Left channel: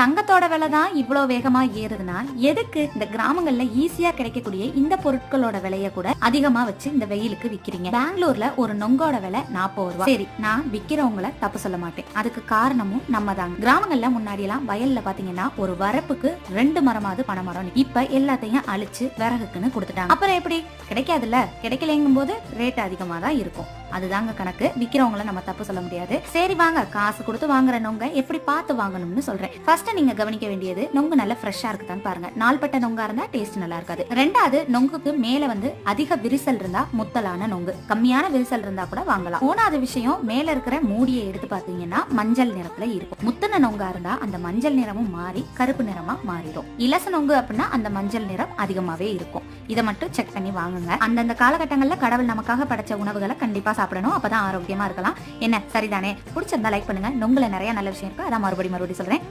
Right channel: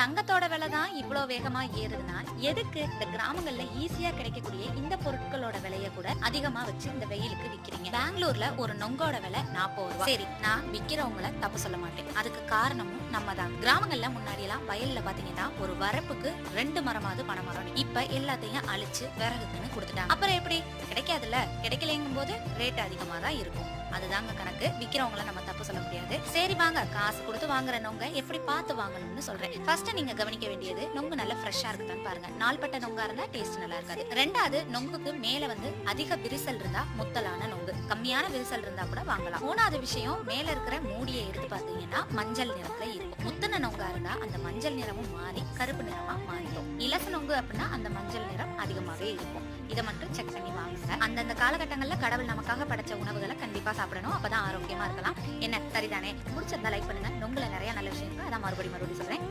தங்கத்தோட விலை தான் இவ்வளோ வேகமா ஏறுதுன்னா எதுக்கு இந்த கிராமங்கள்ல ஈஸியா கிடைக்கக்கூடிய இந்த பொருட்களோட விலைய கூட அதிகமா வச்சு இந்த வெயிலுக்கு விக்கிறீங்க? பெங்களூர்ல ஒரு நொங்கோட விலை 40 ரூபாய். சரி, நான் விக்கிறவங்கள தப்பு சொல்ல மாட்டேன். அதுக்கு காரணமும் நம்ம தான். கிராமங்கள்ல முன்னாடி எல்லாம் வயல்ல பாத்தீங்கன்னா ஒரு வரப்புக்கு 2 மரமாவது பனை மரம். இப்ப எல்லாத்தையும் அழிச்சு விறகுக்குன்னு கொடுத்துட்டாங்க. அப்புறம் எப்படி கிடைக்காதுல்ல? கிடைக்கலங்கும் போது ரேட் அதிகமா தான் இருக்கும். அதுதாங்க கணக்கு. விக்கிறவங்கள நம்ம தப்பு சொல்ல முடியாது. சரி வாங்க, காசு கொடுத்து வாங்குற நொங்க எப்படி பார்த்து வாங்கணும்னு சொல்றேன். ஃபர்ஸ்ட் நீங்க கவனிக்க வேண்டியது நொங்கு நல்ல ஃப்ரெஷ்ஷா இருக்குதான்னு பாருங்க. நாள்பட்ட நொங்கா இருந்தா டேஸ்ட் நல்லா இருக்காது. ரெண்டாவது, நொங்குக்கு மேல அதிக விரிசல் இருந்தா முத்தலான நொங்கு, கம்மியான விரிசல் இருந்தா கூட வாங்கலாம். மூணாவது விஷயம், மேல இருக்கிற மூடியை எடுத்து பாத்தீங்கன்னா மஞ்சள் நிறத்துல இருக்கும். முத்தின நொங்கா இருந்தா அந்த மஞ்சள் நிறமும் மாறி கருப்பு நிறமா மாறிடும். இலச நொங்கு அப்படின்னா அந்த மஞ்சள் நிறம் அதிகமாவே இருக்கும். இதை மட்டும் செக் பண்ணி வாங்குங்க. அந்தந்த காலகட்டங்கள்ல கடவுள் நமக்காக படைச்ச உணவுகளை கண்டிப்பா சாப்பிடணும். அப்பதான் ஆரோக்கியமா இருக்கலாம். என்ன சரிதானே? பிடிச்சிருந்தா லைக் பண்ணுங்க. நொங்குல நிறைய நல்ல விஷயம் இருக்கு. அதான் மறுபடியும் சொல்றேன்.